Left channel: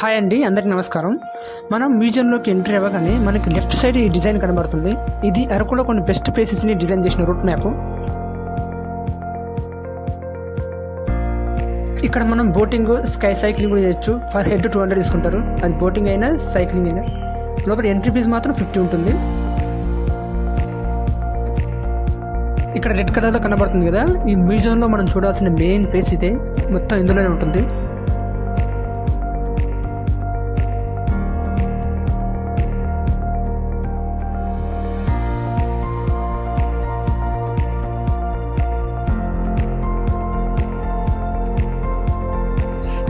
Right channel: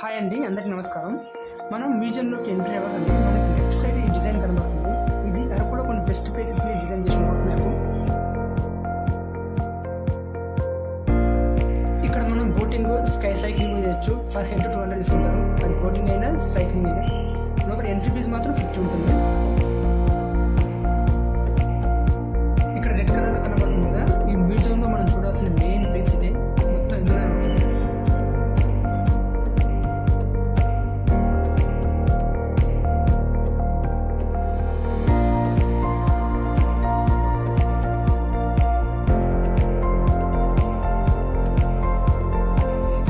Hi అండి, అందరికీ నమస్కారం. మనం మ్యూజియంలోకి ఎంట్రీ అవ్వగానే మనకి లెఫ్ట్ సైడ్ ఈ డిజైన్ కనబడుతుంది. ఇది అరకులో కొన్ని బెస్ట్ ప్లేసెస్ని డిజైన్ చేసిన రూట్ మ్యాప్. ఇక్కడ మనం బోటింగ్, స్కై సైక్లింగ్ కూడా చేయొచ్చు. ఫర్ హెడ్ 200 తీసుకుంటారు. అది బోటింగ్ అయినా సైక్లింగ్ అయినా. లోపల ఎంట్రీ ఫీజు మాత్రం 50 ఉంటుంది. ఇక్కడ రెడ్ కలర్లో కనబడుతుంది కదా, ఈ మ్యూజియంలో మనం చూడాల్సిన మెయిన్ ప్లేస్ ఇదే. మొత్తం ఇందులోనే ఉంటుంది.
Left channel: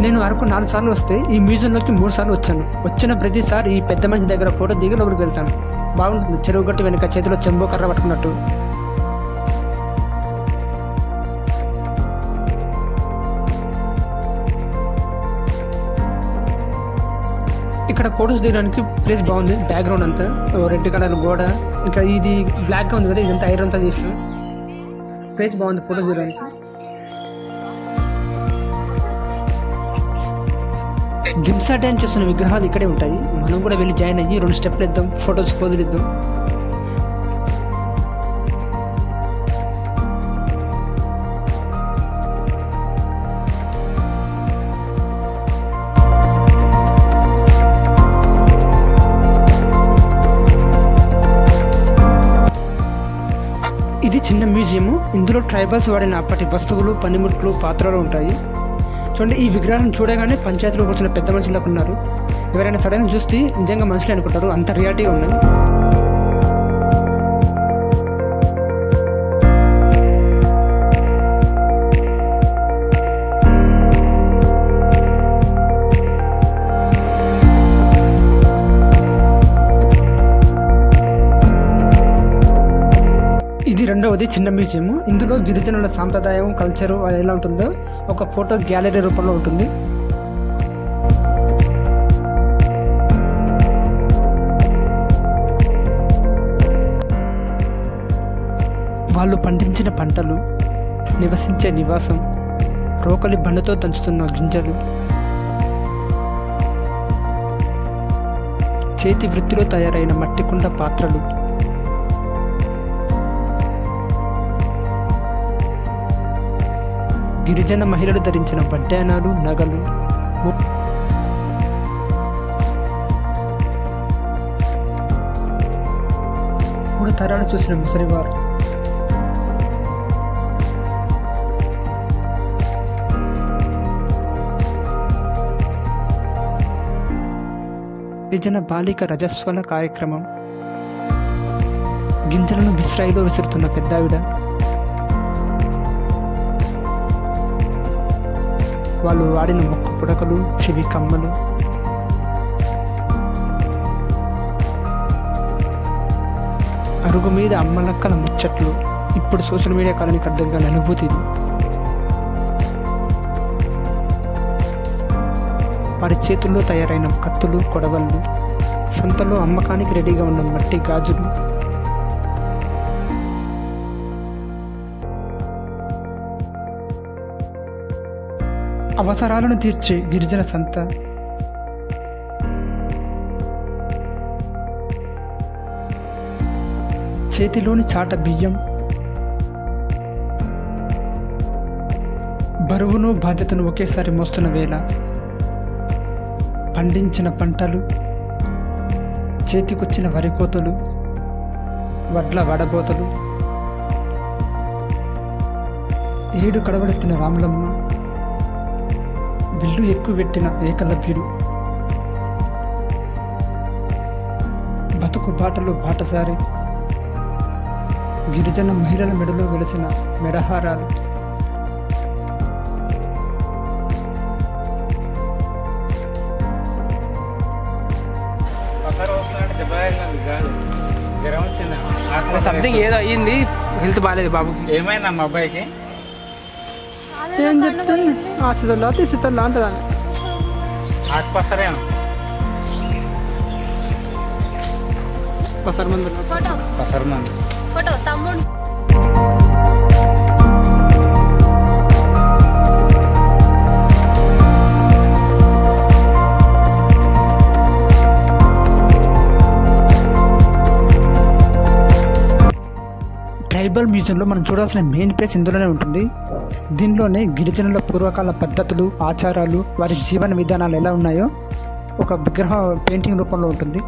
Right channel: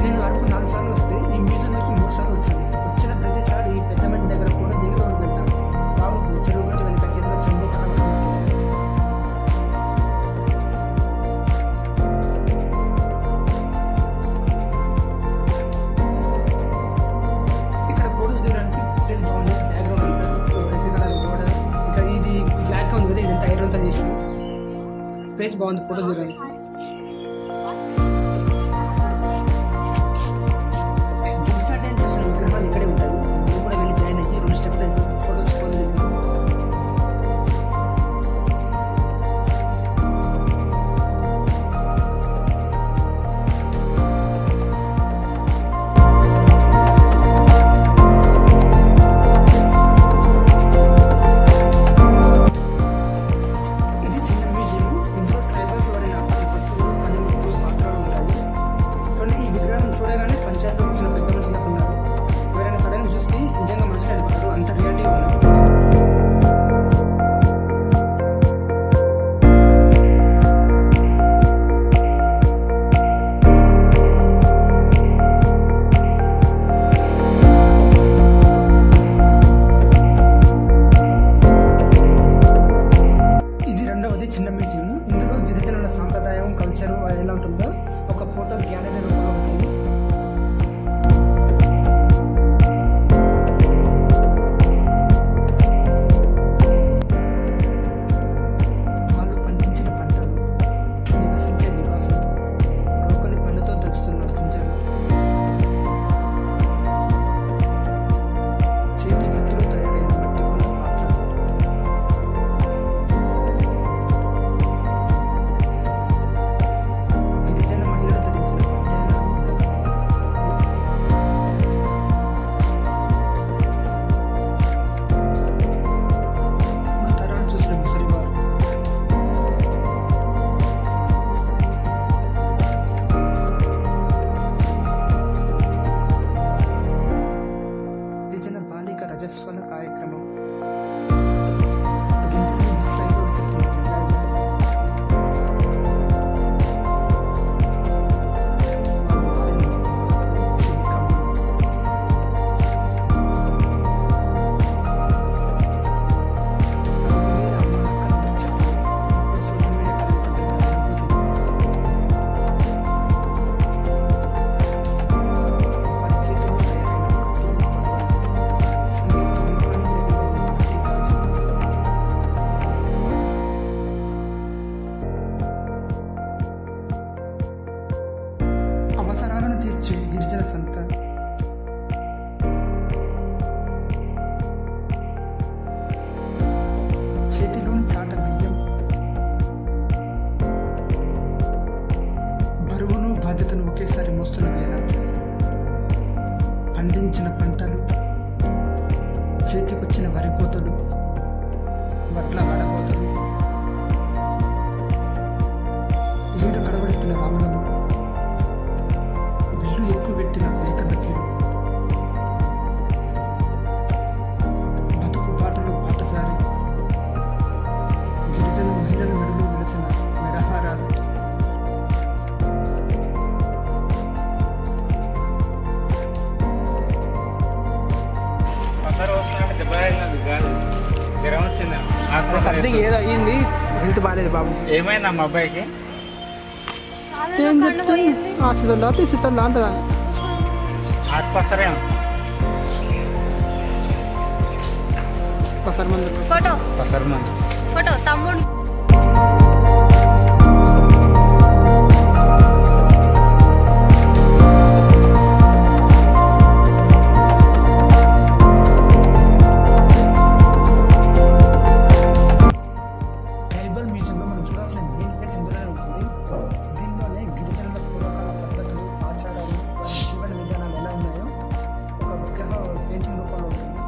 నేను అరకు 4 సార్లు వస్తే ఈ మ్యూజియంలోకి 3 సార్లు వచ్చాను. వచ్చిన ప్రతిసారి ఈ పెద్ద మనిషి దగ్గర ఫోటో దిగి లోపలికి వెళ్తాను. బాగుంటుంది. చెరువు గట్టు వెనుక చేతిలో చెంబు కర్ర పట్టుకున్నట్టు. ఇక్కడ ఫోటోస్ దిగడానికి ప్లేస్ బాగుంది. బ్యాక్గ్రౌండ్ అంతా రెడ్ కలర్ గోడ, ఇంకా ఇది బ్లాక్గా ఉంది కదా, ఇదంతా ఐరన్ తో చేసిన ప్లేస్ బాగుంది ఫోటోస్ దిగడానికి. గిమ్సా డ్యాన్స్ చేస్తున్న విగ్రహాలు ఇక్కడే ఉంటాయి. మనం కూడా వెళ్ళి జాయిన్ అయ్యి 2 స్టెప్లు ఇద్దాం, ఫొటోస్ పోజులు ఇద్దాం. ఇది చిన్న మ్యూజియం. ఇందులో ట్రైబల్స్ వాడిన అప్పటి వస్తువులు, పనిముట్లు, పాత్రలు ఉంటాయి. చూడండి, ఈ విగ్రహాలను చూడగానే పంచాయతీలో కూర్చున్న పెద్ద మనుషులకు ఉన్నారు. ఎవరైనా సడన్ చూస్తే నిజంగా మనుషులు అనుకుంటారు, అంత రియాలిటీగా ఉన్నాయి. ఇది రెండవది చిన్న మ్యూజియం. ఇందులో గిరిజనుల సాంప్రదాయం, కల్చరు ఎలా ఉంటుందో ఒక ఫోటో గ్యాలరీ రూపంలో ఉంటుంది. వాళ్ళు పండించిన పంటలు, నివసించే నివాసం, రోకలి బండతో దంచుతున్న గింజలు, చేతి వృత్తిలో తయారైన మట్టికుండ పాత్రలు, గిరిజన మహిళలు ధరించిన బడ్డానాలు, నగలు, 3 తరాలు చూసిన ముసలివారు, గిరిజన బాలిక రజస్వల కార్యక్రమం, గింజలను విశ్రాయిలో విసురుతున్న పెద్దావిడ, వాళ్ళు వాడిన మొక్క పుడకలు, చెవి కమ్మలు, అడుగు మీద అమ్మలక్కల ముచ్చట్లు. ఇప్పుడు సోషల్ మీడియా కాలానికి అర్థం కాని అనుభూతి. వారి చేతుల్లో తయారైన కత్తులు, కొడవళ్ళు, సంతలో అమ్మకానికి రెడీగా ఉన్న మట్టి గాజులు, అవసరాలను తీర్చే గిరిజన సంత, చేతిలోని చాట బియ్యం, బరువును బాధ్యతను ఒకేసారి మోస్తున్న వేళ, పండించిన పంటలు, చేతికొచ్చిన వరికోతలు, వడ్ల వడబోతలు, 7 కడవలెత్తిన రామలమ్మ, విల్లు ఎక్కువ పెట్టిన ఏకలవ్యుడు, బతుకు బాటలు బాటసారి, గిరిజన మహిళల మెడలో వెలిసిన మెడహారాలు, పక్కన వస్తున్నాడు దెబ్బ కాదు జ్వరం వచ్చింది సంథింగ్ ఏదో అయ్యింది, హెల్త్ బాగాలేదు బాబు. ఏమైందా మా అబ్బాయికి? ఏం చెప్తే ఆ సీజన్లో తీసిలా అంటుంది ఆమె. ఆకుపసరేమో పసరు మందు పసరు మంది. ఫోటో తమ్ముడు ట్రైబల్ మ్యూజియంలో మనం చూడాల్సిన మెయిన్ ప్లేస్ ఇందులోనే ఉంటుంది. దీనిలోనే గిరిజనుల పూర్వకాల పద్ధతులు, ఆచారాలు, వారి జీవన విధానాలు ఎలా ఉన్నాయో ఒక విగ్రహ పెయింటింగ్ రూపంలో ఉంటుంది.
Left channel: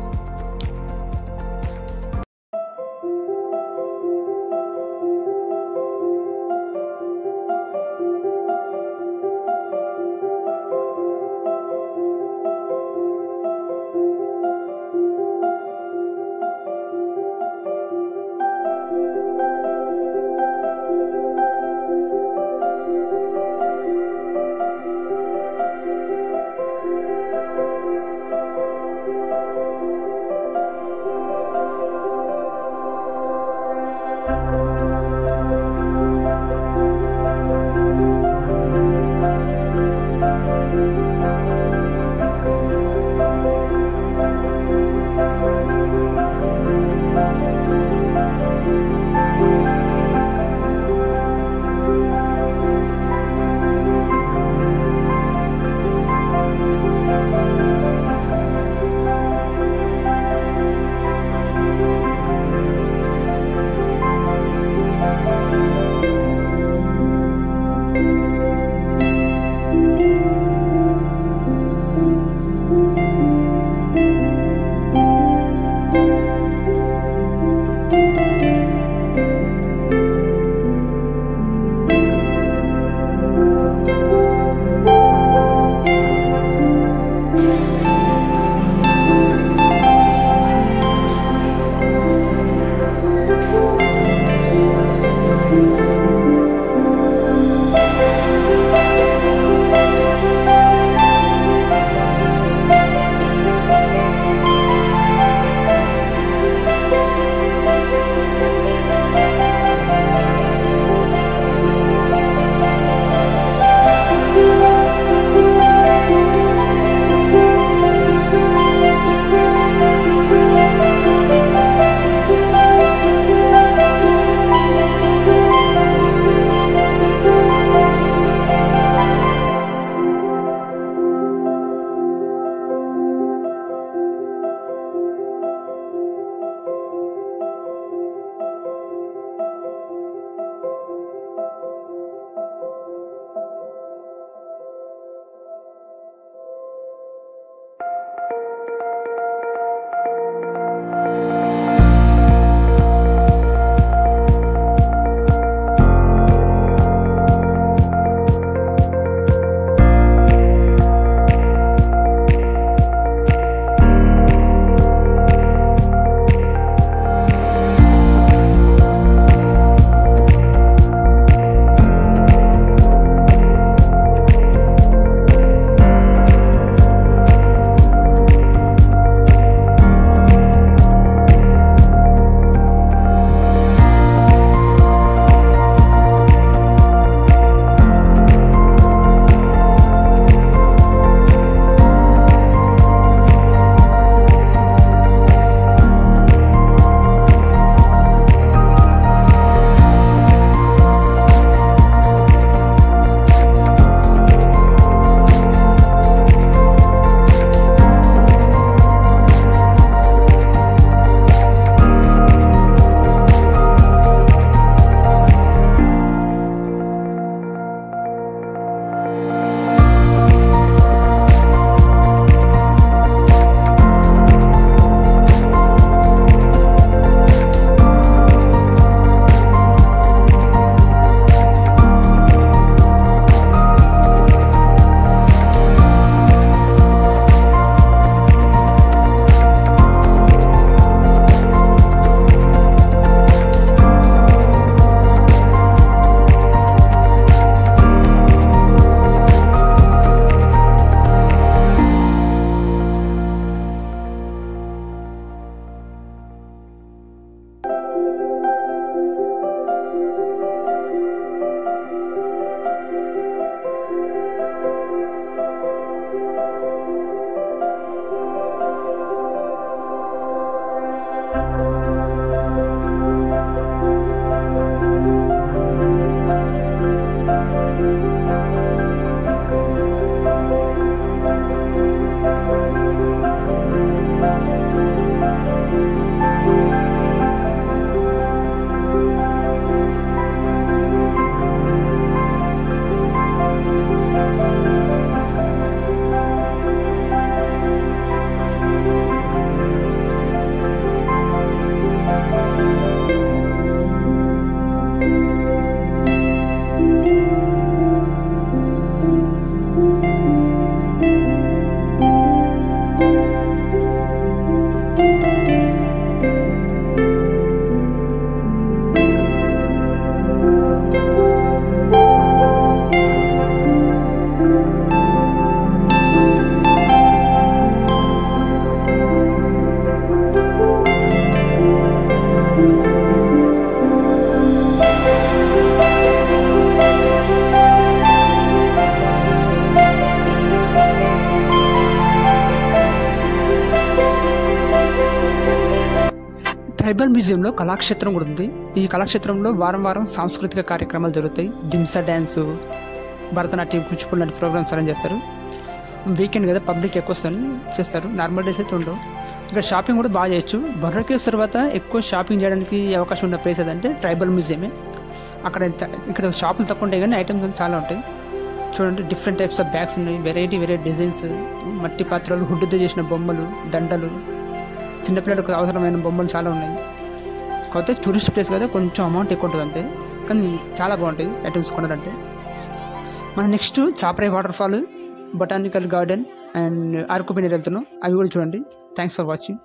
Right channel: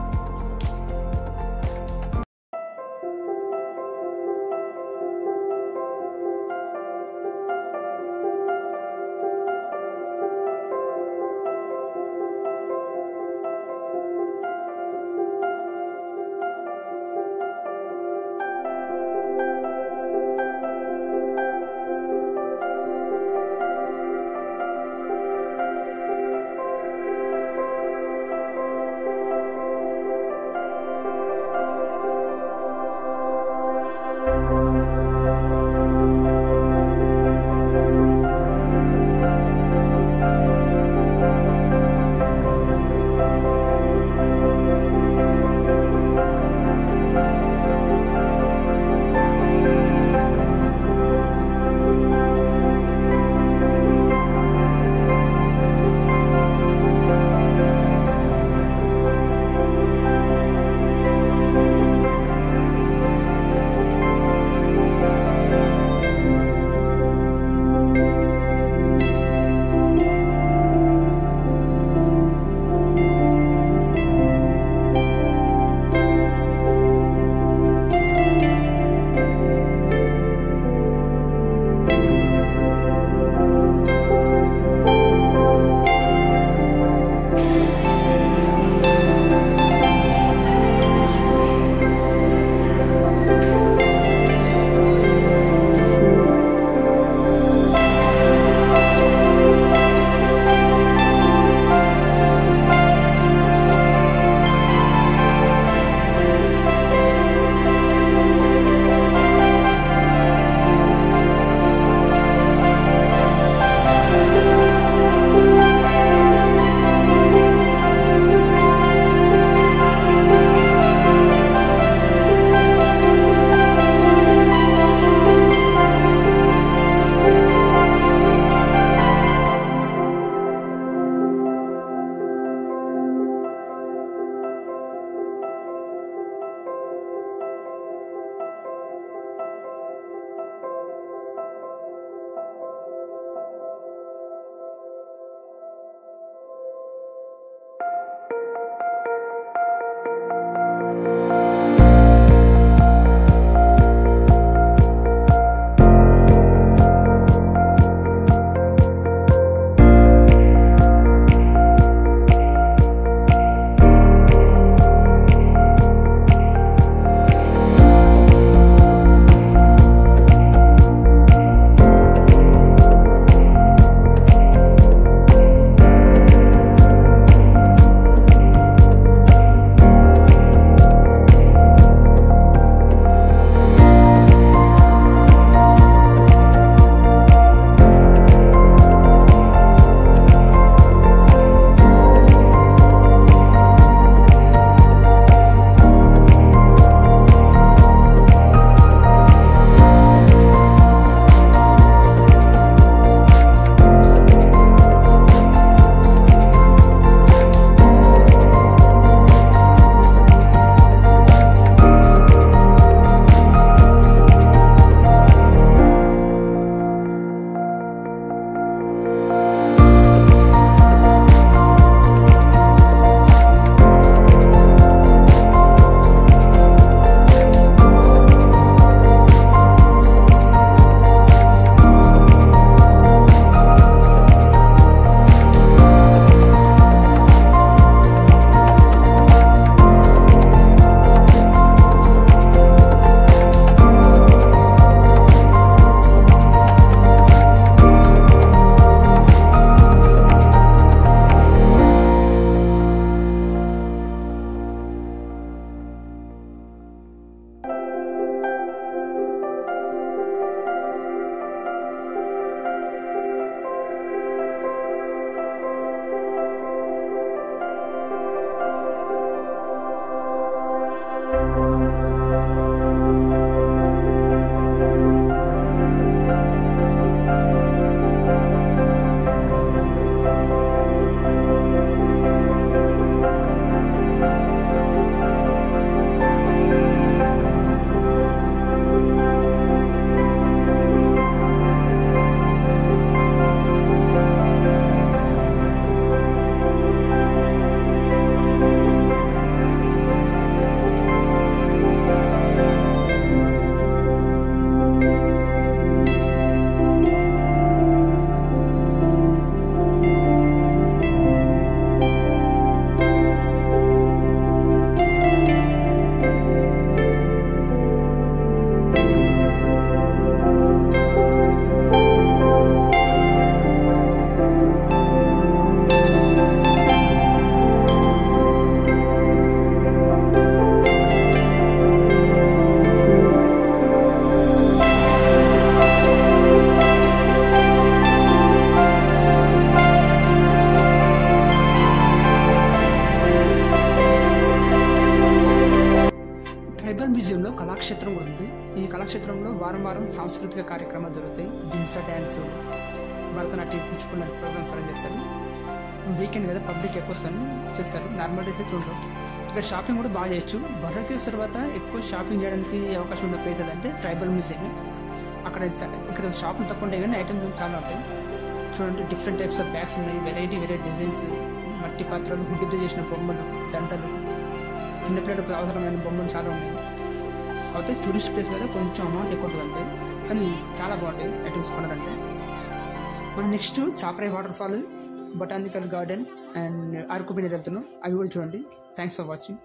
ట్రైబల్ మ్యూజియంలో కళాక్షేత్రం కూడా ఉంది. ఈ కళాక్షేత్రంలో వారం వారం సాంస్కృతిక కార్యక్రమాలు జరుగుతాయి. దింసా డ్యాన్సు, భరతనాట్యం, కూచిపూడి లాంటి ప్రోగ్రామ్స్ అరేంజ్ చేస్తారు. వీకెండ్ కదా పబ్లిక్ ఎక్కువ చేస్తారు. నార్మల్ డేస్ అయితే ఉండవు. ఇక్కడ షాపింగ్ కూడా బాగా చేయొచ్చు. బొర్రా కేవ్స్ తర్వాత ఎక్కువ షాపింగ్ చేయడానికి అవకాశం ఉన్న ప్లేస్ ఏదంటే ట్రైబల్ మ్యూజియమే. ఇక్కడ షాపులు తక్కువ ఉంటాయి కానీ ఐటమ్స్ చాలా ఉంటాయి. చూడండి, డిఫరెంట్ టైప్స్ ఆఫ్ బ్యాగ్స్ ఉన్నాయి. వెరైటీ డిజైన్స్, మట్టి పాత్రలు, హుడ్డుతో చేసిన బొమ్మలు, దండలు, చిన్నపిల్లలకు అవసరమైన బొమ్మలు చాలా ఉన్నాయి. కాకపోతే టూరిస్ట్ ప్లేస్ కదా, కొంచెం అమౌంట్ ఎక్కువ ఉంటుంది అంతే, కానీ చాలా బాగుంటాయి ఐటమ్స్ కొనాలంటే. మనం next Chaparai waterfall, botanical garden and Araku వెళ్తున్నాం. అవి కూడా చూడండి. Thanks for watching.